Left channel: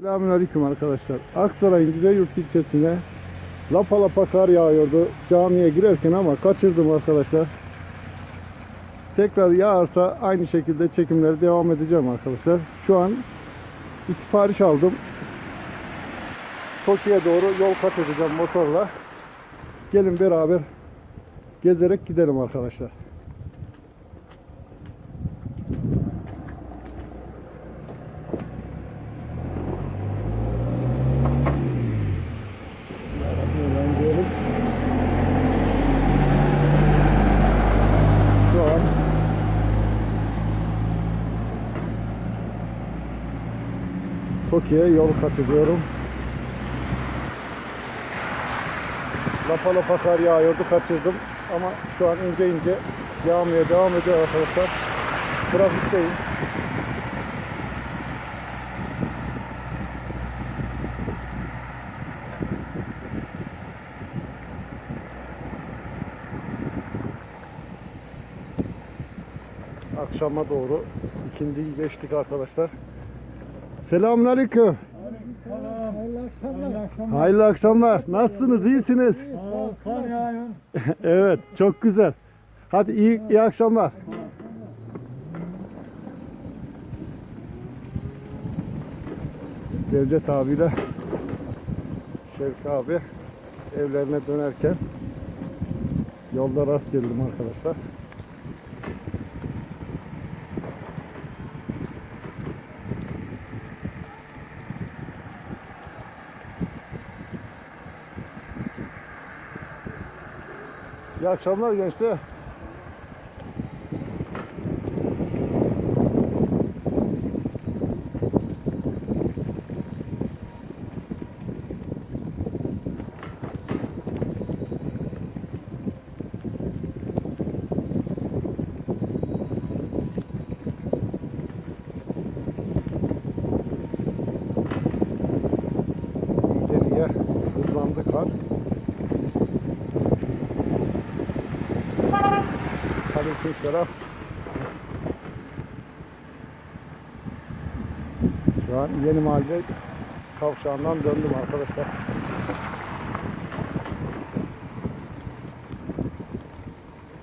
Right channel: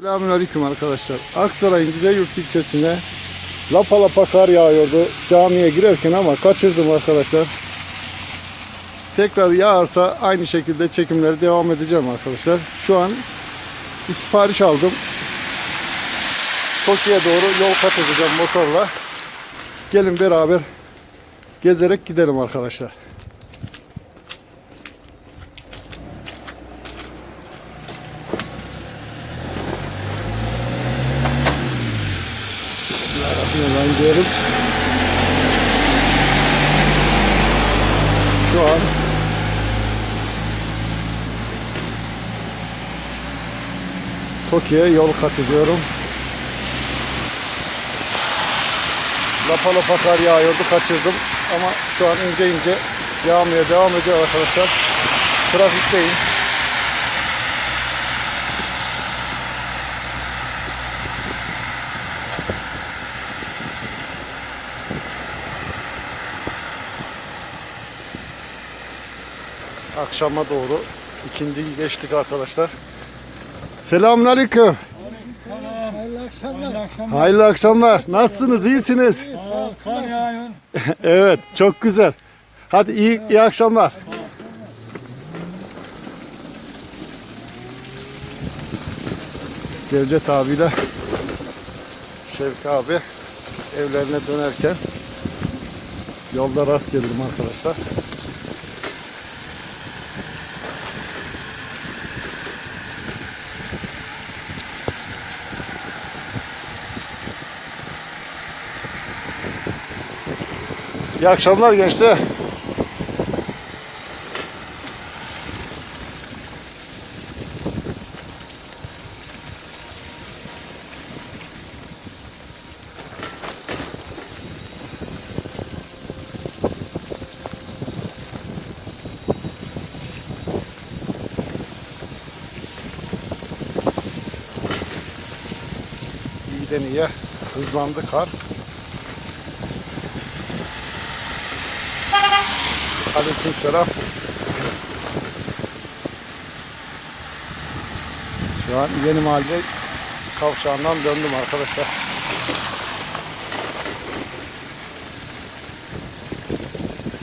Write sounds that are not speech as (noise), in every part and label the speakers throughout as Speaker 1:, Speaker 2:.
Speaker 1: Selamünaleyküm arkadaşlar. Aksaray'ın Güzelyurt ilçesine lapa lapa kar yağıyordu camiye girerken ama kaçırdım arkadaşlar. Tekrar yağarsa aynı şekilde çekimleri devam edeceğim arkadaşlar. Şu an bir sipariş aldım. Tokyo'ya doğru yol kat edeceğim motorla. Gelin beraber gezerek gidelim arkadaşlar. An Tokyo'ya yol kat ediyorum. Lapa lapa kar yağıyordu kaçırdım ama şu an ince ince yağmaya devam ediyor arkadaşlar. Trafikteyim. Akşama doğru ikindiyi geçtik arkadaşlar. Selamünaleyküm.
Speaker 2: Hayırlı akşamlar. Hayırlı akşamlar.
Speaker 1: Hayırlı akşamlar. Nasılsınız? İyisiniz?
Speaker 2: Sağ ol, kar yağıyor. (laughs)
Speaker 1: evet, çok güzel. Hadi iyi iyi akşamlar. Cevdet abiyle Şevki abi evlerine dönerken yolda rast geldim arkadaşlar. İyi akşamlar gençler. İyiden iyiye hızlandı kar. Aleykümselam. Şu an yeni mahalle kavşağından döndüm arkadaşlar.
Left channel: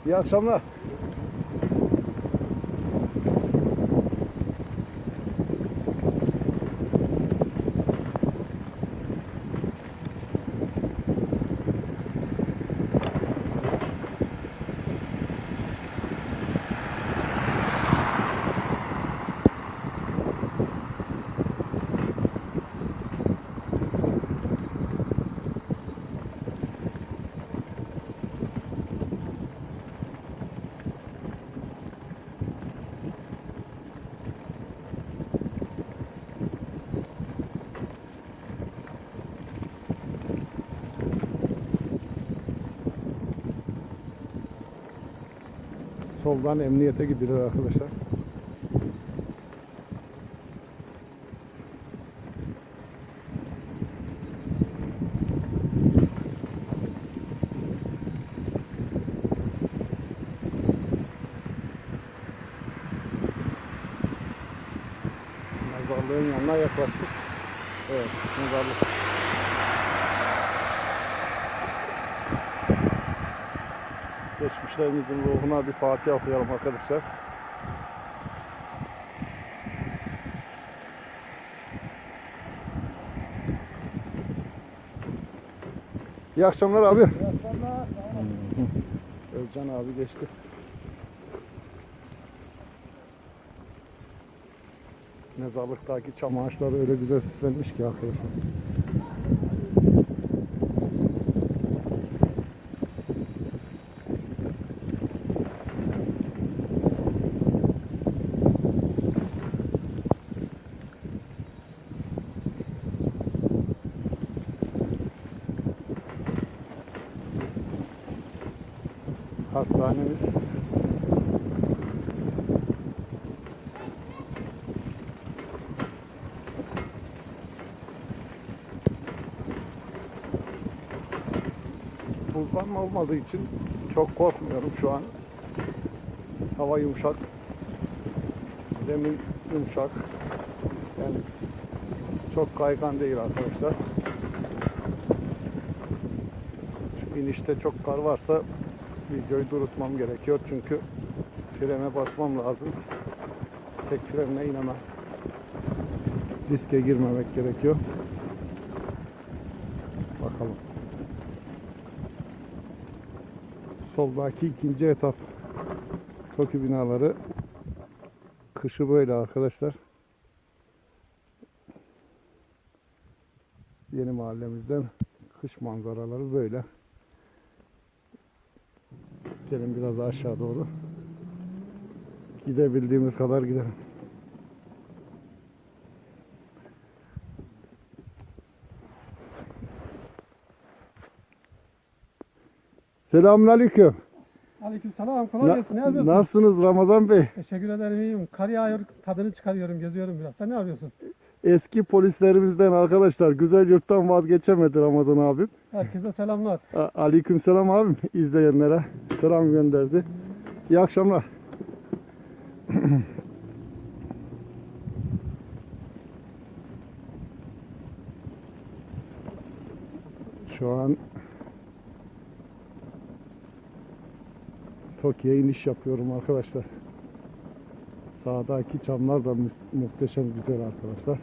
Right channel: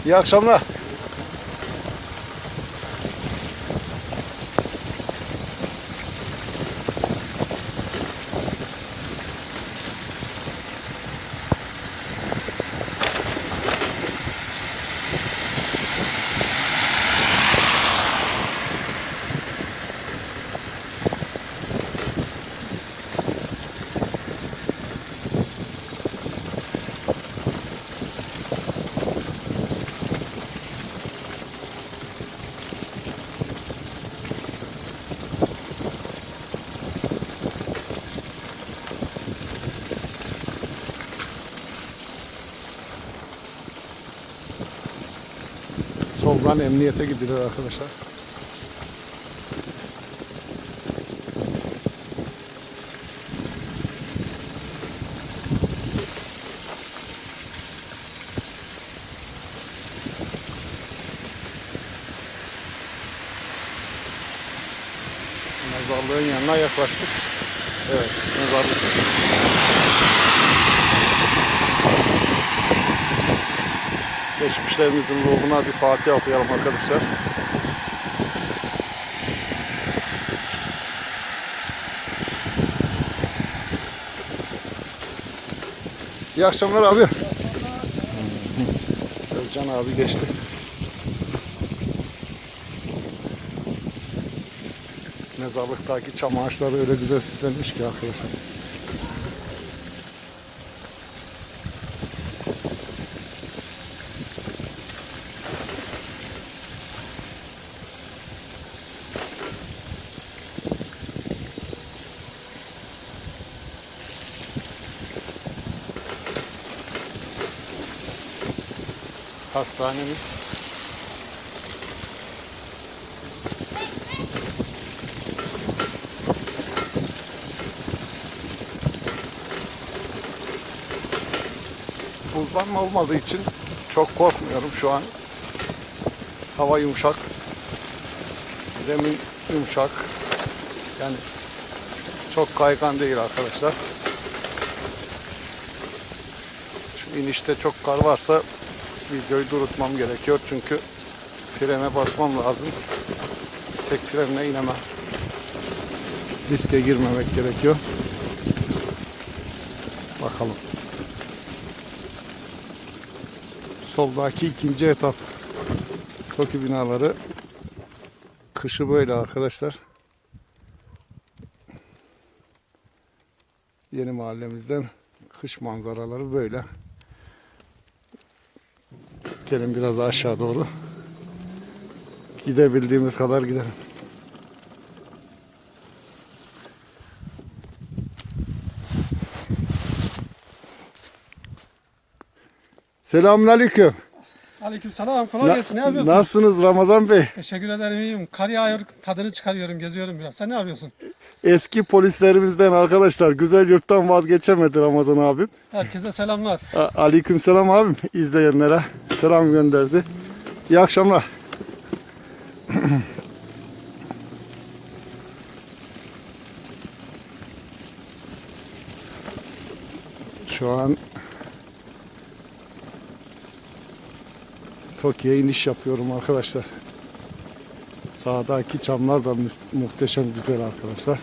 Speaker 1: İyi akşamlar. Soldan emniyete gidilir arkadaşlar. Mezarlığın yanına yaklaştık. Evet, mezarlık. Geçmişlerimizin ruhuna bir Fatiha okuyalım arkadaşlar. İyi akşamlar abi. Özcan abi geçti. Mezarlıktaki çam ağaçları öyle güzel süslenmiş ki arkadaşlar. Hastanemiz. Buzlanma olmadığı için çok korkmuyorum şu an. Hava yumuşak. Zemin yumuşak. Yani Çok kaygan değil arkadaşlar. Şu inişte çok kar varsa videoyu durutmam gerekiyor çünkü frene basmam lazım. Tek frenle inemem. Riske girmemek gerekiyor. Bakalım. Soldaki ikinci etap. Toki binaları. Kışı böyle arkadaşlar. Yeni mahallemizden kış manzaraları böyle. Gelin biraz aşağı doğru. Gidebildiğimiz kadar gidelim. Selamünaleyküm.
Speaker 3: Aleykümselam. Kolay
Speaker 1: Na-
Speaker 3: gelsin. Ne yapıyorsun?
Speaker 1: Nasılsınız Ramazan Bey?
Speaker 3: Teşekkür ederim. iyiyim. Kar yağıyor. Tadını çıkarıyorum. Geziyorum biraz. Sen ne yapıyorsun?
Speaker 1: Eski polislerimizden arkadaşlar güzel yurttan vazgeçemedi Ramazan abim.
Speaker 3: Herkese selamlar.
Speaker 1: A- Aleykümselam abim izleyenlere selam gönderdi. İyi akşamlar. (clears throat) Şu an Tokyo'ya iniş yapıyorum arkadaşlar. Sağdaki çamlar da mu- muhteşem güzel arkadaşlar.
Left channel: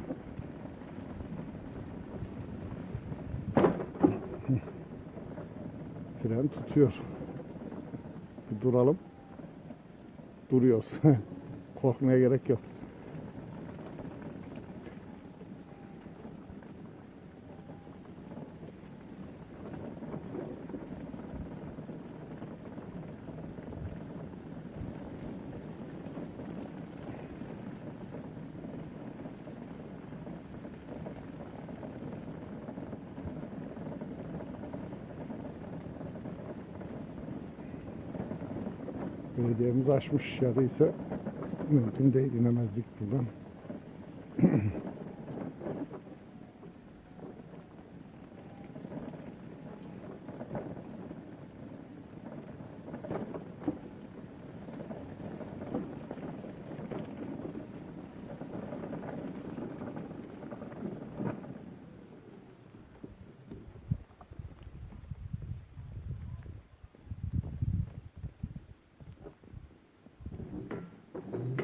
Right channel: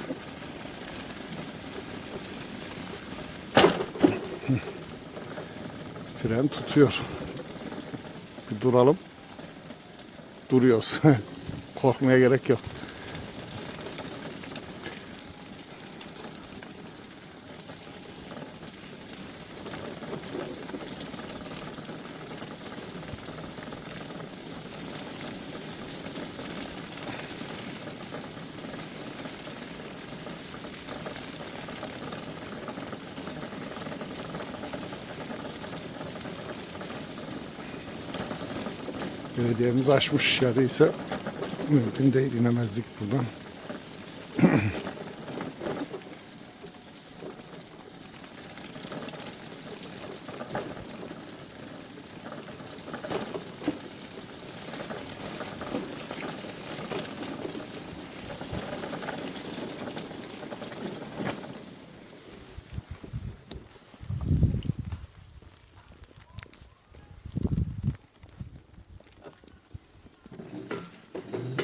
Speaker 1: Fren tutuyor. Bir duralım. Duruyoruz. (laughs) Korkmaya gerek yok. Belediyemiz açmış ya değilse mümkün değil inemezdik buradan.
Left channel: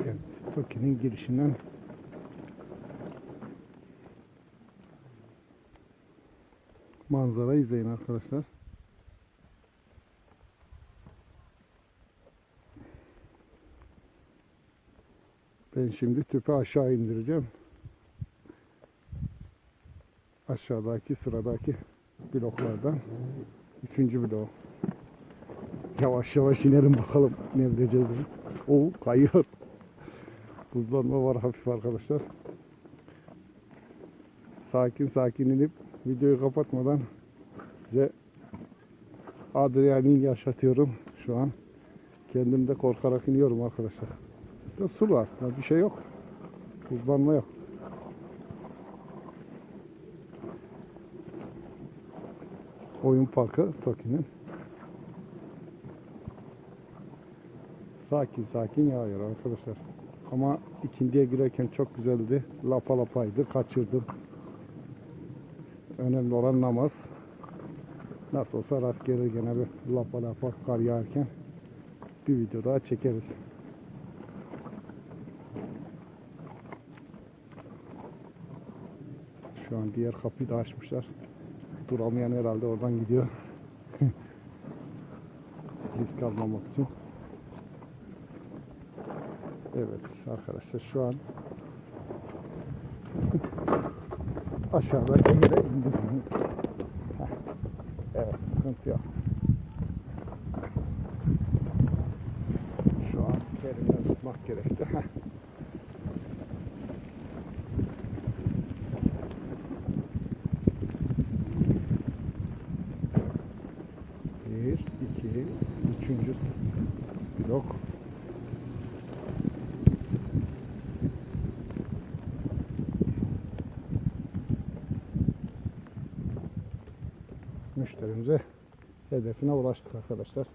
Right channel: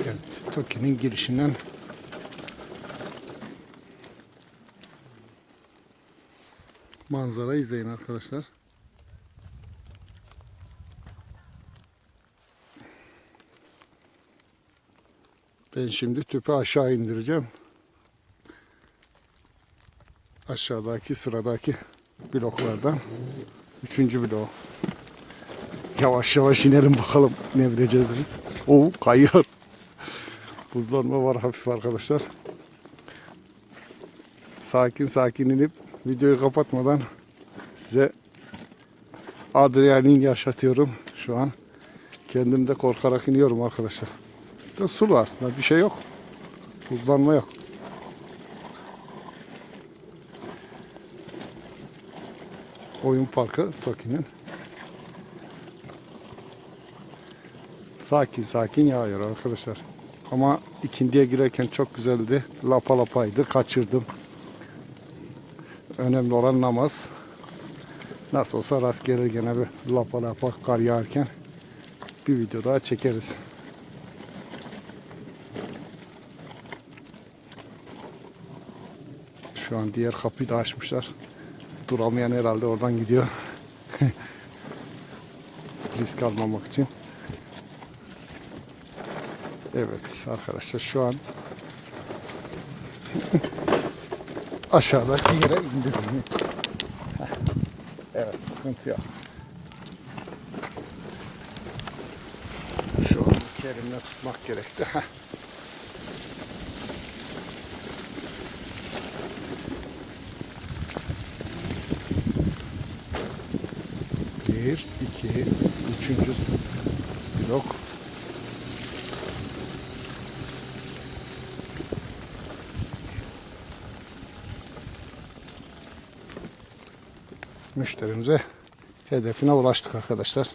Speaker 1: Evet, Toki'nin girişinden manzara izleyin arkadaşlar. Ben şimdi tüpü aşağı indireceğim. Aşağıdaki sıradaki bloklardan. Üçüncü blok. Yavaş yavaş inelim bakalım ne bileceğiz? Oo kayıyor. Buzlanma var hafif arkadaşlar. Sakin sakin inip videoyu kapatmadan size adrenalin yaşatıyorum şu an. Kendim de korkarak iniyorum arkadaşlar. De su var aslında bir şey yok. Buzlanma yok. Oyun parkı Toki'nin. Sakin sakin yağıyor arkadaşlar. Ama ikindiye girerken çok güzeldi. Lapa lapaydı. Kaçırdım. Önemli olan namaz. Nasıl olsa rast gelir gene bir lapa lapa kar yağarken bir video daha çekeriz. Şu an diğer kapıyı da açmışlar. Duramayan herhalde oradan gidiyor. (laughs) Risk almamak için. Evet arkadaşlar şu an (laughs) aşağıdaki yere indim. Heh. Evet sıkıntı yok. Şu an kerimden tutmak gerekti. Bir, iki, üçüncü blok. Müşterimize hedefine ulaştık arkadaşlar.